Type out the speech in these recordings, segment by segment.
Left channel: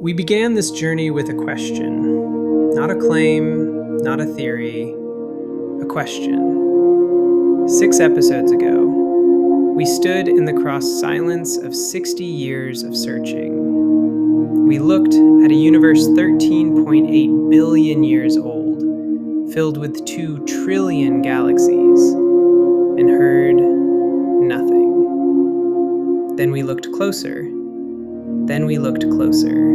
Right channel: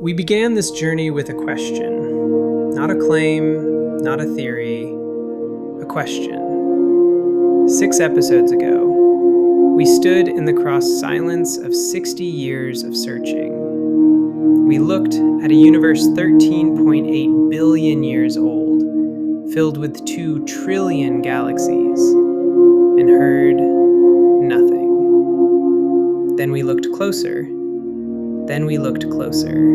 We began this journey with a question. Not a claim, not a theory, a question. 6 episodes ago, we stood in the cross silence of 60 years of searching. We looked at a universe 13.8 billion years old, filled with 2 trillion galaxies, and heard nothing. Then we looked closer. Then we looked closer.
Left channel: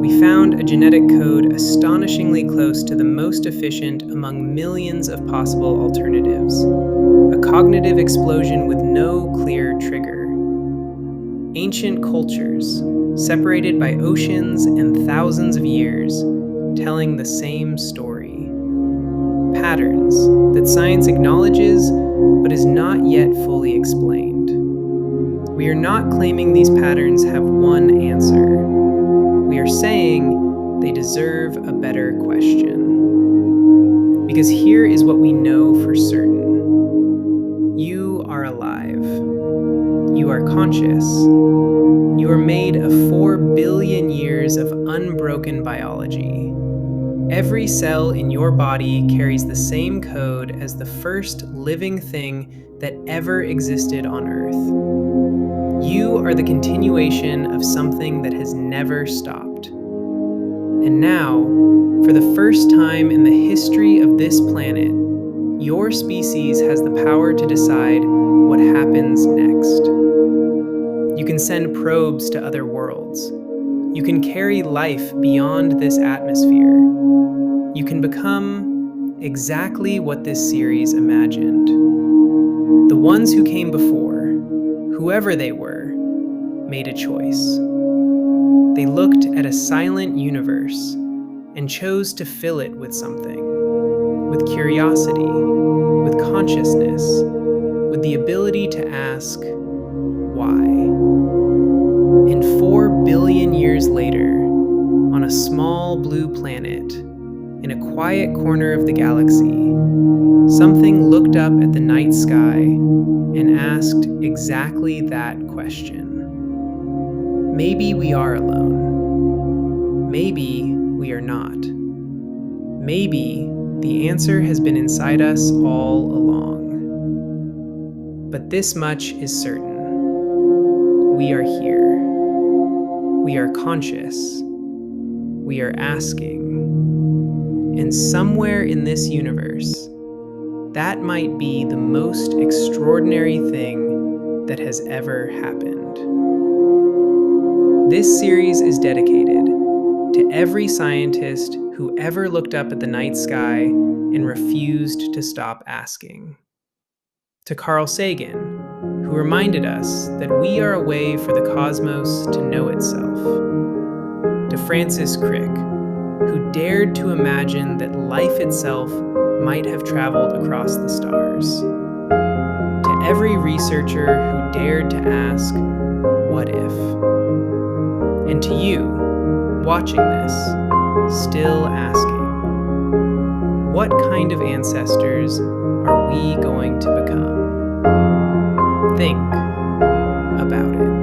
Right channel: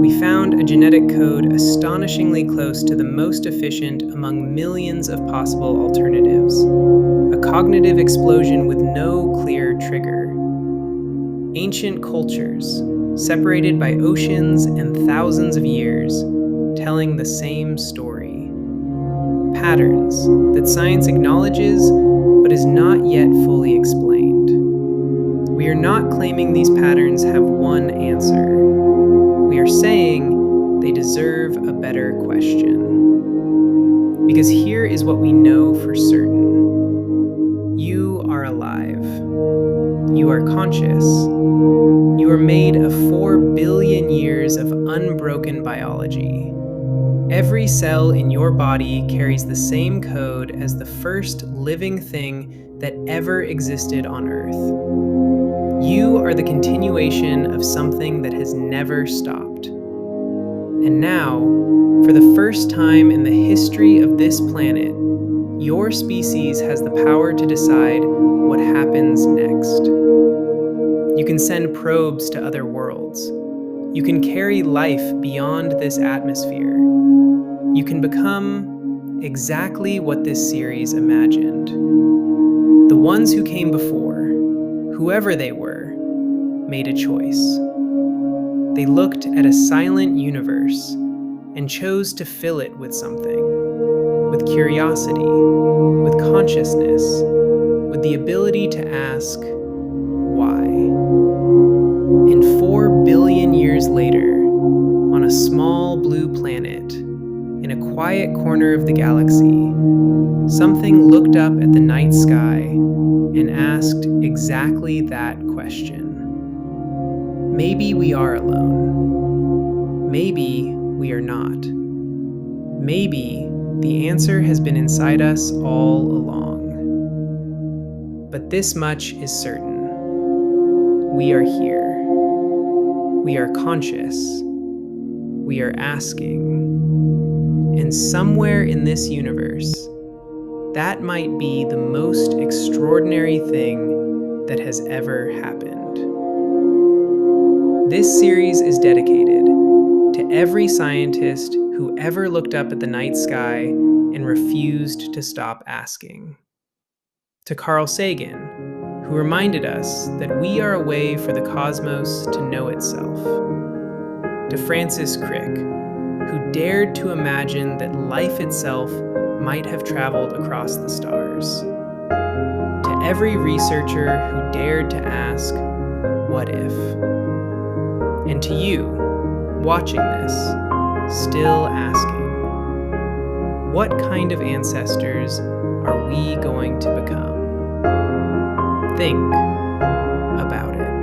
We found a genetic code astonishingly close to the most efficient among millions of possible alternatives. A cognitive explosion with no clear trigger. Ancient cultures, separated by oceans and thousands of years, telling the same story. Patterns that science acknowledges but is not yet fully explained. We are not claiming these patterns have one answer. We are saying they deserve a better question. Because here is what we know for certain. You are alive. You are conscious. You are made of 4 billion years of unbroken biology. Every cell in your body carries the same code as the first living thing that ever existed on Earth. You are the continuation of something that has never stopped. And now, for the first time in the history of this planet, your species has the power to decide what happens next. You can send probes to other worlds. You can carry life beyond this atmosphere. You can become exactly what this series imagined. The ones who came before, whoever they were, made a choice. They looked at a silent universe and chose to fill it with something. With curiosity, with consciousness, with the ability to ask, why? And 4 billion years later, on a small blue planet, in a quiet corner of the galaxy, something looked up at the night sky and asked exactly that question. Maybe we are alone. Maybe we are not. Maybe the answer has been inside us all along. But this much is certain. We are here. We are conscious. We are asking. And somewhere in this universe, that might be the most extraordinary thing that has ever happened. This series is dedicated to every scientist who ever looked up at the night sky and refused to stop asking. To Carl Sagan, who reminded us that we are a way for the cosmos to know itself. To Francis Crick, who dared to imagine that life itself might have traveled across the stars. To every researcher who dared to ask, what if? And to you, watching this, still asking, what kind of ancestors are we going to become? Think about it.